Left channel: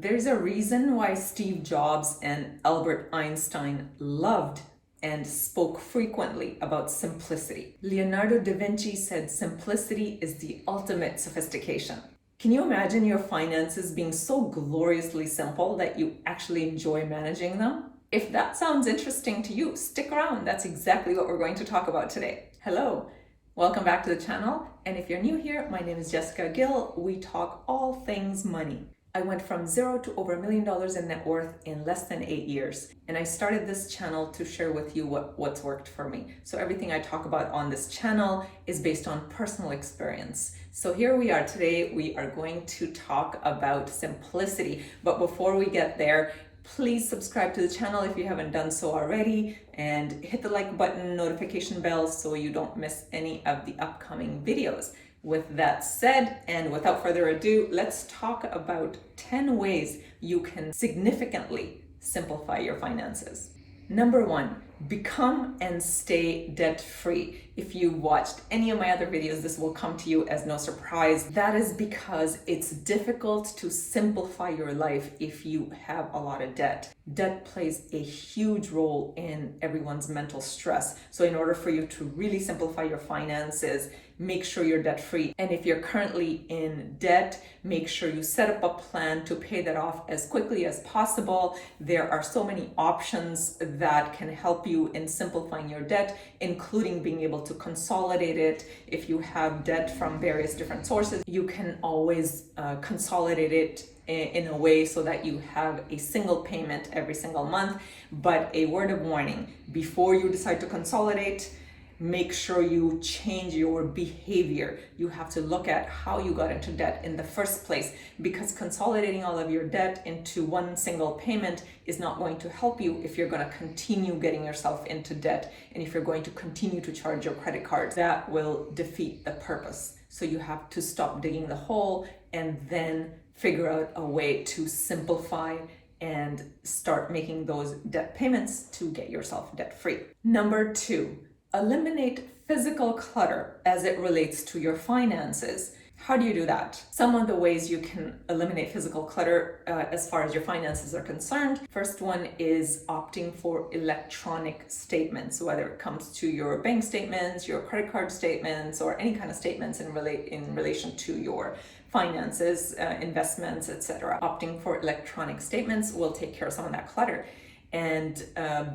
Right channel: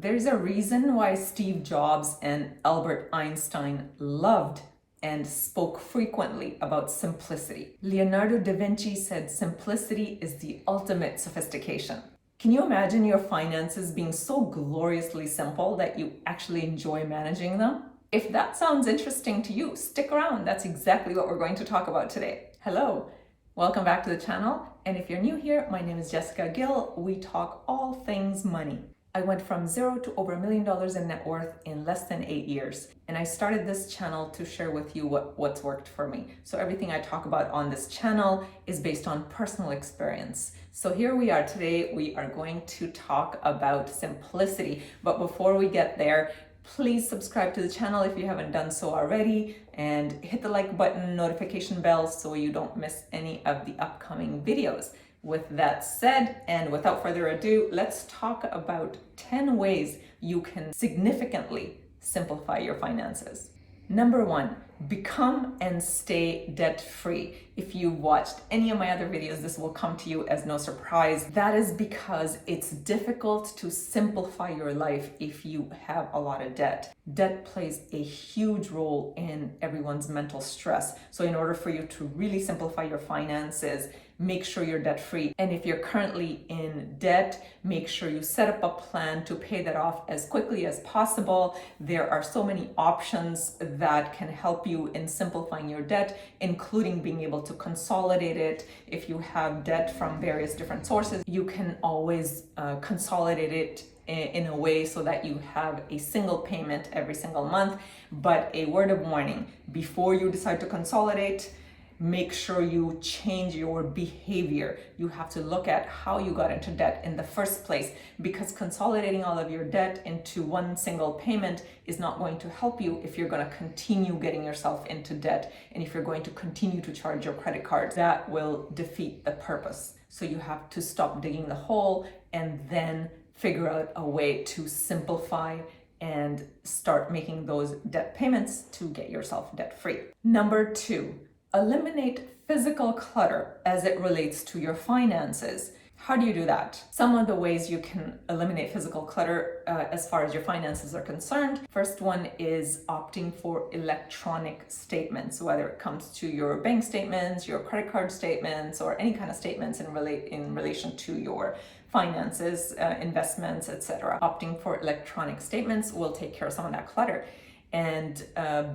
There's a reason why Steve Jobs and Albert Einstein loved and spoke frequently about simplicity. Leonardo da Vinci said simplicity is the ultimate sophistication. Can you imagine your finances being so gloriously simple that you actually enjoy managing them? If that sounds interesting to you, stick around. That's exactly what we're going to talk about today. Hello, welcome back to the channel. And if you're new here, my name is Jessica Gill. We talk all things money. I went from zero to over $1 million in net worth in less than 8 years. And I started this channel to share with you what's worked for me. So everything I talk about on this channel is based on personal experience. So here we are today. We are going to talk about simplicity. But before we get there, please subscribe to the channel if you haven't done so already, and hit the like button, notification bell, so you don't miss any of the upcoming videos. With that said, and without further ado, let's talk about 10 ways you can significantly simplify your finances. Number 1, become and stay debt-free. If you watched any of my other videos, this will come to you as no surprise. That is because it's difficult to simplify your life if you have a lot of debt. Debt plays a huge role in everyone's mental stress. So in order for you to really simplify your finances, make sure you're debt-free. And if you're currently in debt, make sure you set up a plan to pay that off as quickly as possible. There are so many options that can help you in simplifying your debt, including being able to consolidate it. If you have debt from various different sources, you can always consolidate it in a way so that you have a single payment every single month. But a word of warning, before you decide to consolidate, make sure you change your behavior. You have to look at how you got into debt in the first place, because consolidating all of your debt into one single payment is not going to help you if you're going to continue getting yourself into debt, and if you're going to continue to charge your credit cards. That will defeat the purpose. So you have to stop digging the hole and then figure out a way to simplify and start making those debt payments to get yourself debt free. Number 2, eliminate physical clutter as it relates to your finances. How do you do that? Some of the ways you can eliminate physical clutter as far as your finances are concerned. First one is opting for electronic statements, whether it comes to your bank statements, your credit card statements, or any kind of statements in relation to your finances, investments, etc. Opting for electronic statements will take care of some of that clutter. And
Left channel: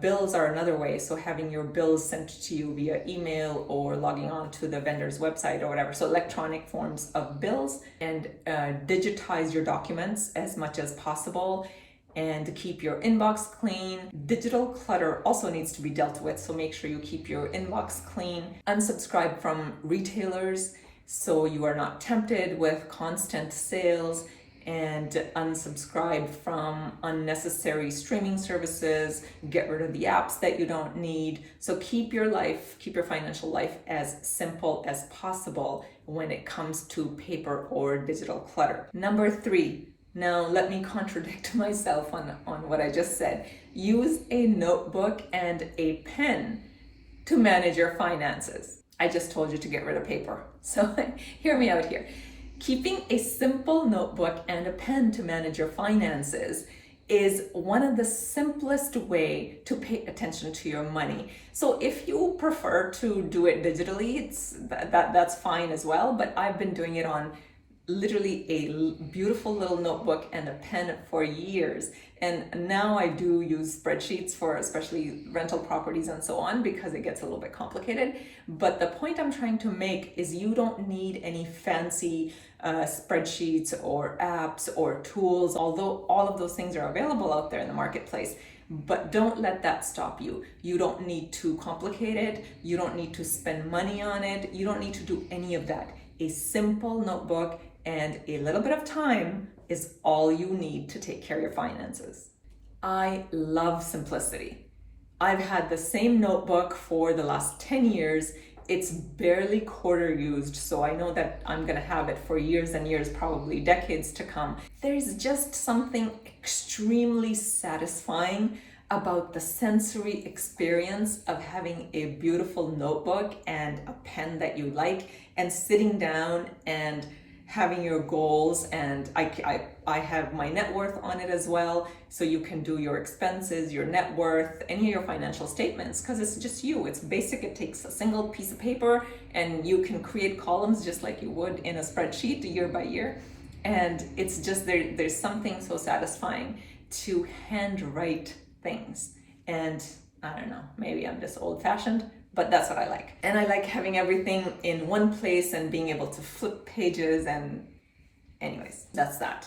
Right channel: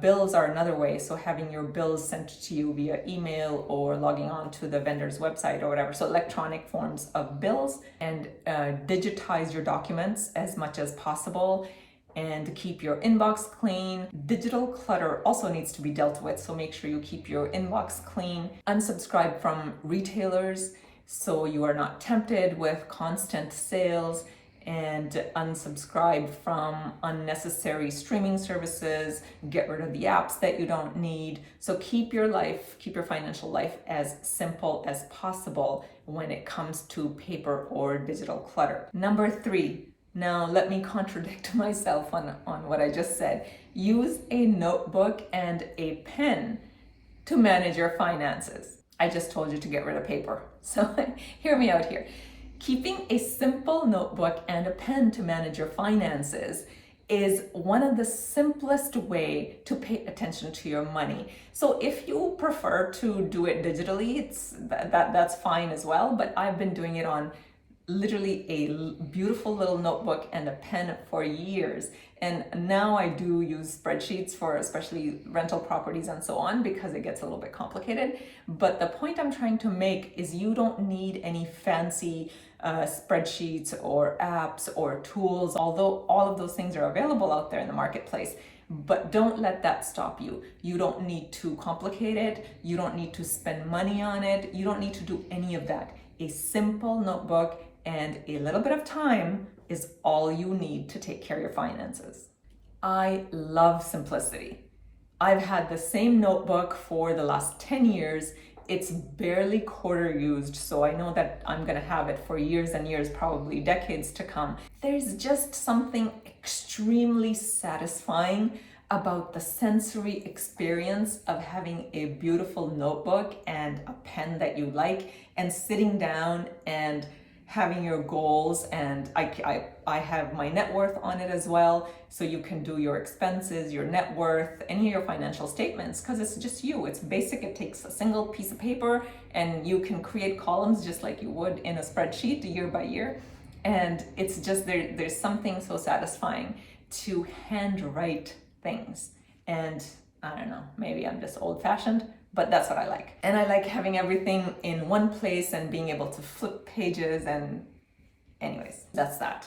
bills are another way. So having your bills sent to you via email or logging on to the vendor's website or whatever. So electronic forms of bills, and digitize your documents as much as possible, and keep your inbox clean. Digital clutter also needs to be dealt with. So make sure you keep your inbox clean. Unsubscribe from retailers so you are not tempted with constant sales, and unsubscribe from unnecessary streaming services. Get rid of the apps that you don't need. So keep your financial life as simple as possible when it comes to paper or digital clutter. Number 3, now let me contradict myself on what I just said. Use a notebook and a pen to manage your finances. I just told you to get rid of paper. So hear me out here. Keeping a simple notebook and a pen to manage your finances is one of the simplest way to pay attention to your money. So if you prefer to do it digitally, that's fine as well. But I've been doing it on literally a beautiful little notebook and a pen for years. And now I do use spreadsheets for especially rental properties and so on, because it gets a little bit complicated. But the point I'm trying to make is you don't need any fancy spreadsheets or apps or tools, although all of those things are available out there in the marketplace. But don't let that stop you. You don't need to complicate it. You don't need to spend money on it. You don't need to do any of that. A simple notebook and a little bit of time is all you need to take care of your finances. I love simplicity. I've had the same notebook for the last 10 years. It's barely quarter used, so I know that I'm gonna have it for years and years, probably decades to come. There's just something extremely satisfying about the sensory experience of having a beautiful notebook and a pen that you like, and sitting down and having your goals, and I have my net worth on it as well, so you can do your expenses, your net worth, any of your financial statements, because it's just you. It's basic. It takes a single piece of paper and you can create columns just like you would in a spreadsheet year by year. And it's just there's something so satisfying to handwrite things. And I don't know, maybe I'm just old-fashioned, but that's what I like. And I like having everything in one place and being able to flip pages, and anyways, that's that.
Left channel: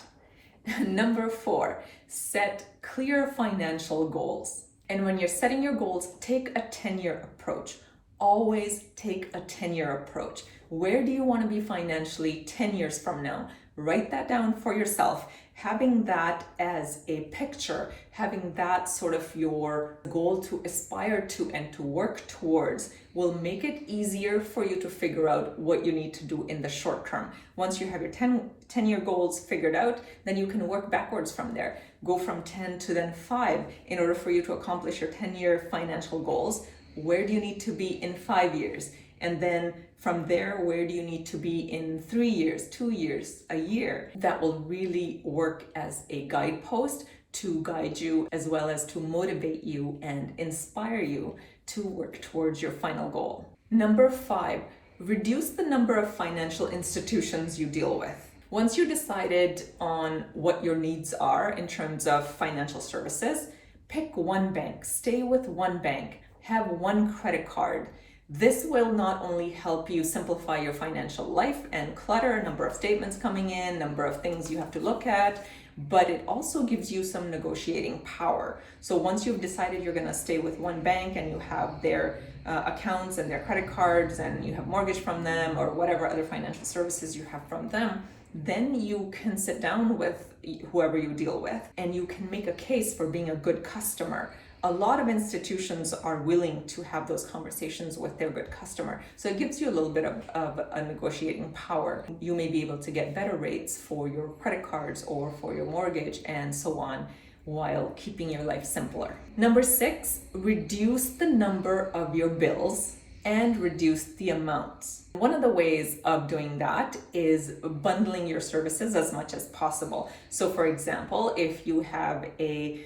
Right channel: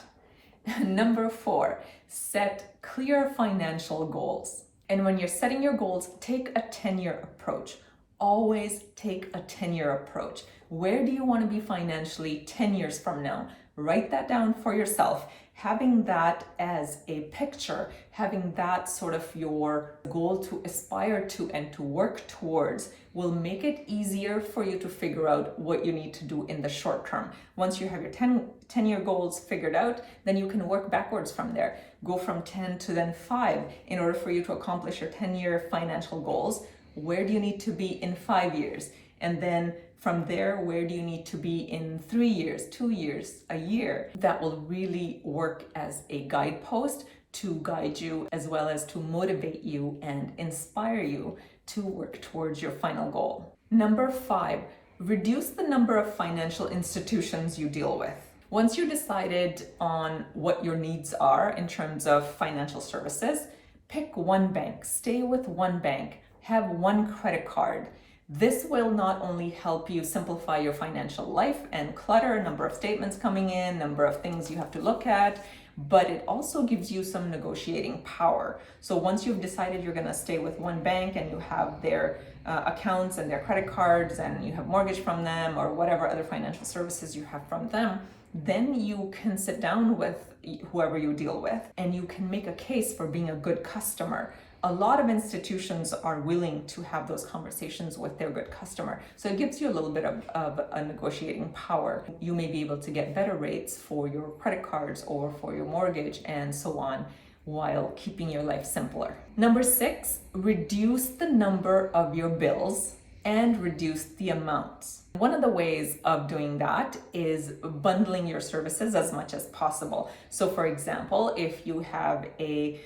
Number 4, set clear financial goals. And when you're setting your goals, take a 10-year approach. Always take a 10-year approach. Where do you want to be financially 10 years from now? Write that down for yourself. Having that as a picture, having that sort of your goal to aspire to and to work towards will make it easier for you to figure out what you need to do in the short term. Once you have your 10-year goals figured out, then you can work backwards from there. Go from 10 to then 5 in order for you to accomplish your 10-year financial goals. Where do you need to be in 5 years? And then from there, where do you need to be in 3 years, 2 years, a year? That will really work as a guidepost to guide you, as well as to motivate you and inspire you to work towards your final goal. Number 5, reduce the number of financial institutions you deal with. Once you decided on what your needs are in terms of financial services, pick one bank, stay with one bank, have one credit card. This will not only help you simplify your financial life and clutter, number of statements coming in, number of things you have to look at, but it also gives you some negotiating power. So once you've decided you're going to stay with one bank and you have their accounts and their credit cards and you have mortgage from them or whatever other financial services you have from them, then you can sit down with whoever you deal with and you can make a case for being a good customer. A lot of institutions are willing to have those conversations with their good customer. So it gives you a little bit of a negotiating power. You may be able to get better rates for your credit cards or for your mortgage and so on, while keeping your life simpler. Number 6, reduce the number of your bills and reduce the amounts. One of the ways of doing that is bundling your services as much as possible. So for example, if you have a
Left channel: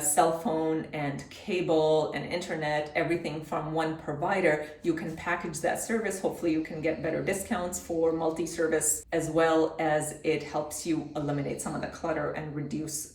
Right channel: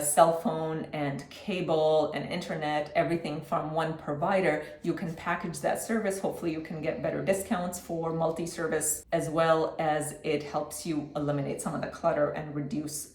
cell phone and cable and internet, everything from one provider, you can package that service. Hopefully you can get better discounts for multi-service, as well as it helps you eliminate some of the clutter and reduce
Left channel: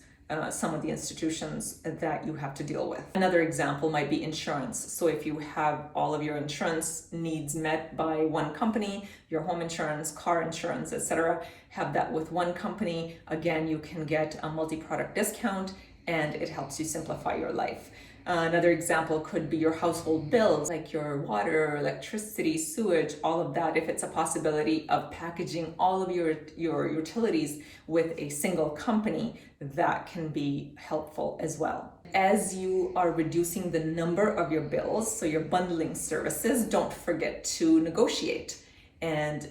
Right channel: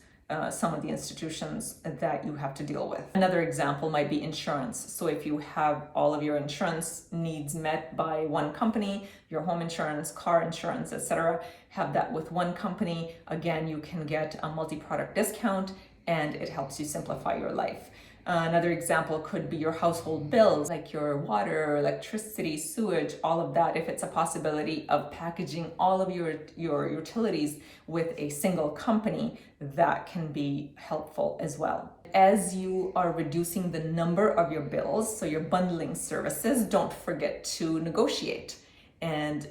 some of the institutions that you have to deal with. Another example might be insurance. So if you have all of your insurance needs met by one company, your home insurance, car insurance, etc., have that with one company, again, you can get a multi-product discount and it helps you simplify your life. Another example could be your household bills, like your water, electricity, sewage, all of that. If it's a possibility of packaging all of your utilities with a single company, that can be helpful as well. As you are reducing the number of your bills, so you're bundling services, don't forget to negotiate and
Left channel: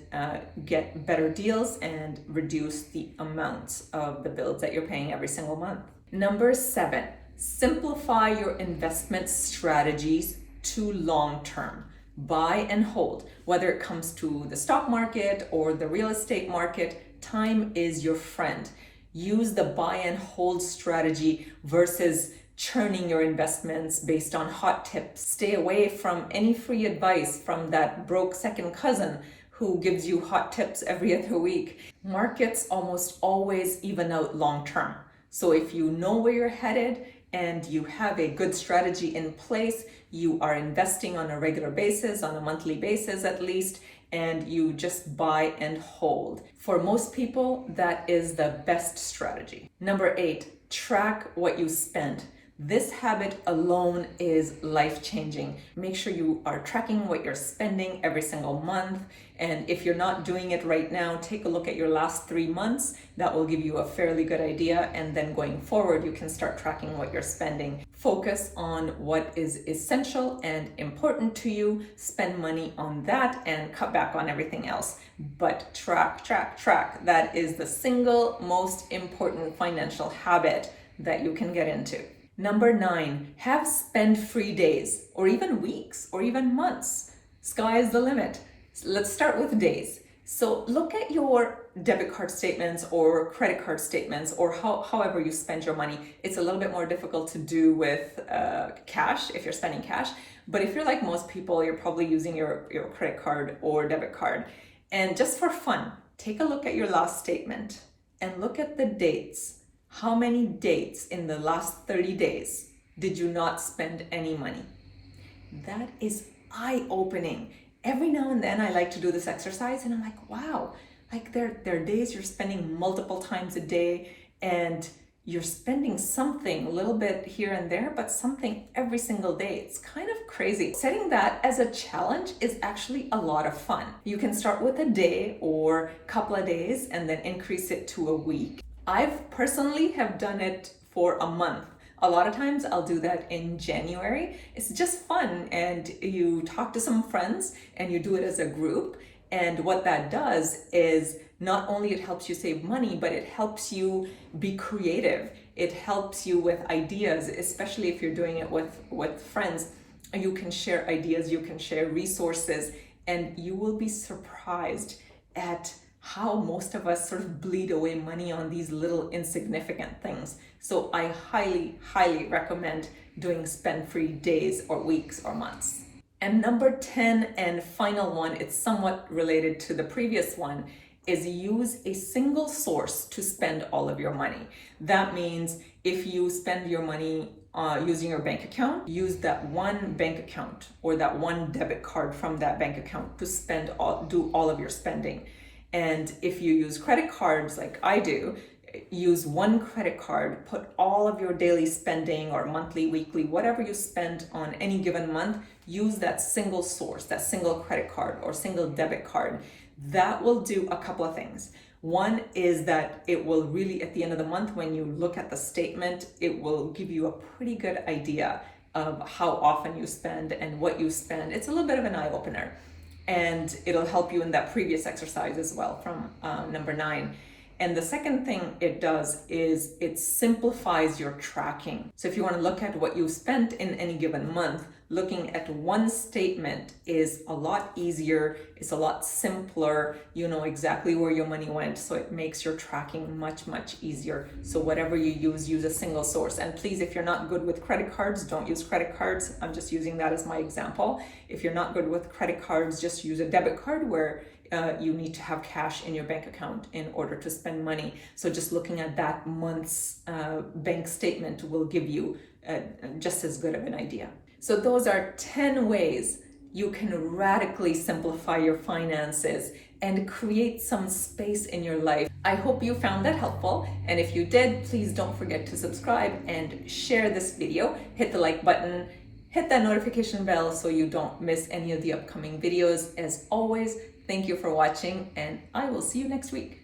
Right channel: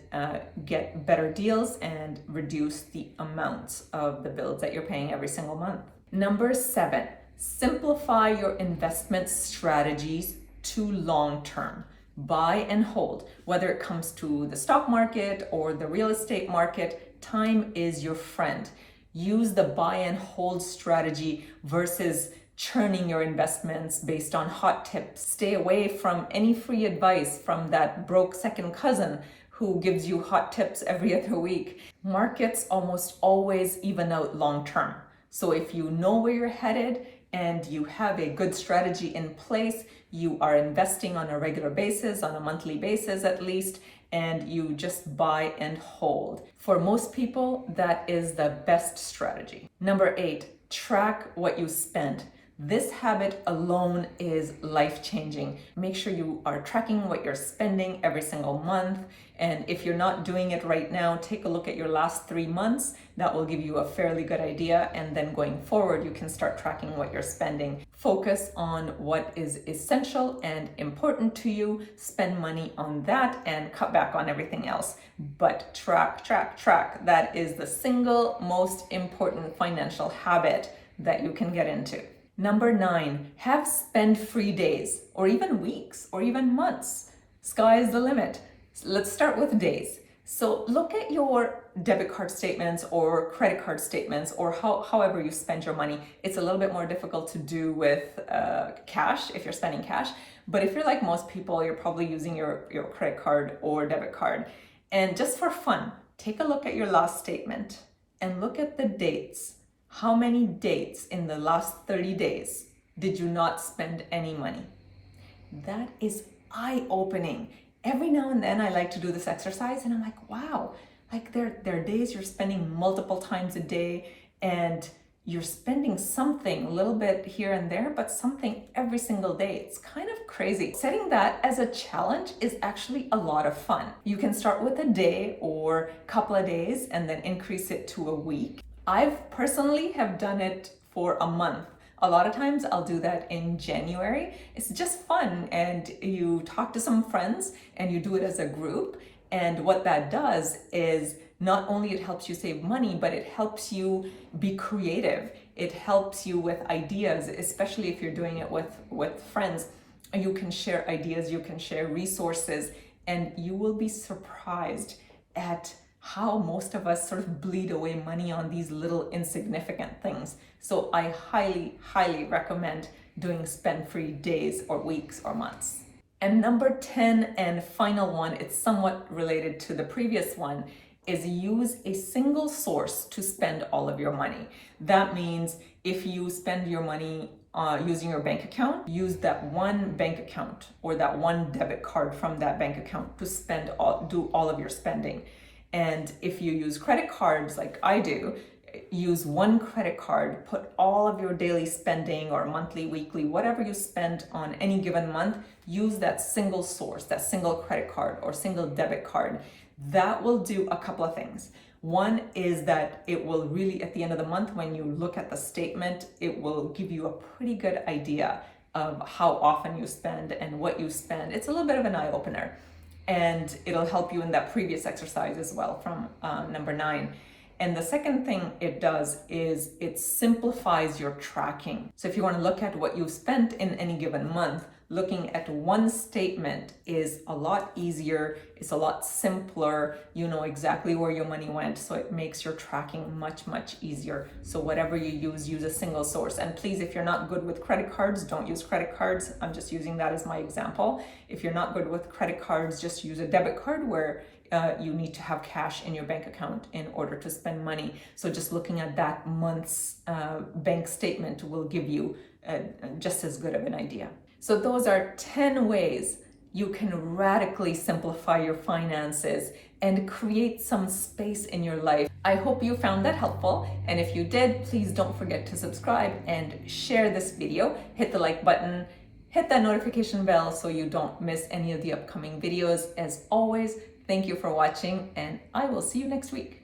get better deals and reduce the amount of the bills that you're paying every single month. Number 7, simplify your investment strategies to long term. Buy and hold. Whether it comes to the stock market or the real estate market, time is your friend. Use the buy and hold strategy versus churning your investments based on hot tips. Stay away from any free advice from that broke second cousin who gives you hot tips every other week. Markets almost always even out long term. So if you know where you're headed and you have a good strategy in place, you are investing on a regular basis, on a monthly basis at least, and you just buy and hold. For most people, that is the best strategy. Number 8, track what you spend. This habit alone is life-changing. Make sure you are tracking what you're spending every single month. And if you're not doing it right now, take a look at your last 3 months. That will give you a fairly good idea. And then going forward, you can start tracking what you're spending. Focus on what is essential and important to you. Spend money on that and cut back on everything else. But track. That is the single most important financial habit that you can get into. Number 9, have spend-free days, or even weeks, or even months. Sky is the limit. Let's start with days. So look at your debit card statements or credit card statements, or however you spend your money. It's a little bit more difficult to do with cash if you're spending cash. But if you're like most people, you're probably using your credit card or debit card. And just for fun, take a look at your last statement and look at the dates. How many dates in the last 30 days did you not spend any money? That is eye-opening. Every now and then I like to do this exercise and I'm like, wow, like there are days you're spending multiple times a day and you're spending something a little bit here and there, but something every single day. It's kind of crazy. Setting that as a challenge is actually a lot of fun. You can start with a day or a couple of days and then increase it to a week. I've personally have done it for a month. A lot of times I'll do that in January. It's just fun, and you talk to some friends and you do it as a group. And what that does is not only it helps you save money, but it helps you be creative. It helps you with ideas, especially if you're doing it with friends. You can share ideas, you can share resources, and you will be surprised at how most of us sort of bleed away money on these little insignificant things. So I highly, highly recommend doing spend-free days or weeks or months. And number 10 and final one, it's somewhat related to the previous one, is use a single source to spend all of your money. That means if you spend your money using your bank account, use that one bank account or that one debit card from that bank account to do all of your spending. And if you use credit cards like I do, use one credit card, put all of your daily spending or monthly, weekly, whatever you spend on any given month, use that single source, that single credit card or single debit card. That will do a couple of things. One is that it will really, at the end of the month, when you look at the statement, it will give you a pretty good idea of how often you spend and what you spend. It's a little bit of an eye-opener. And it'll help you in that previous exercise as well from number 9. And the second thing it does is it simplifies your tracking. So if you want to look at what you spent in any given month, looking at one statement is a lot easier. It's a lot simpler. You know exactly where your money went. So it makes your tracking much, much easier. So whatever you use a single source. And please, if you're not good with credit cards, don't use credit cards. I'm just using that as my example. If you're not good with credit cards, just use a debit card where you need to have cash in your bank account in order to spend money. So just looking at that month's bank statement will give you just as good of an idea. So those are 10 ways you can radically simplify your finances and create some space in your life. I hope you found that helpful. And if you did, please don't forget to subscribe and share this video. Hit the like button, hit that notification bell so you don't miss any of the upcoming videos. As always, thank you for watching, and I will see you next week.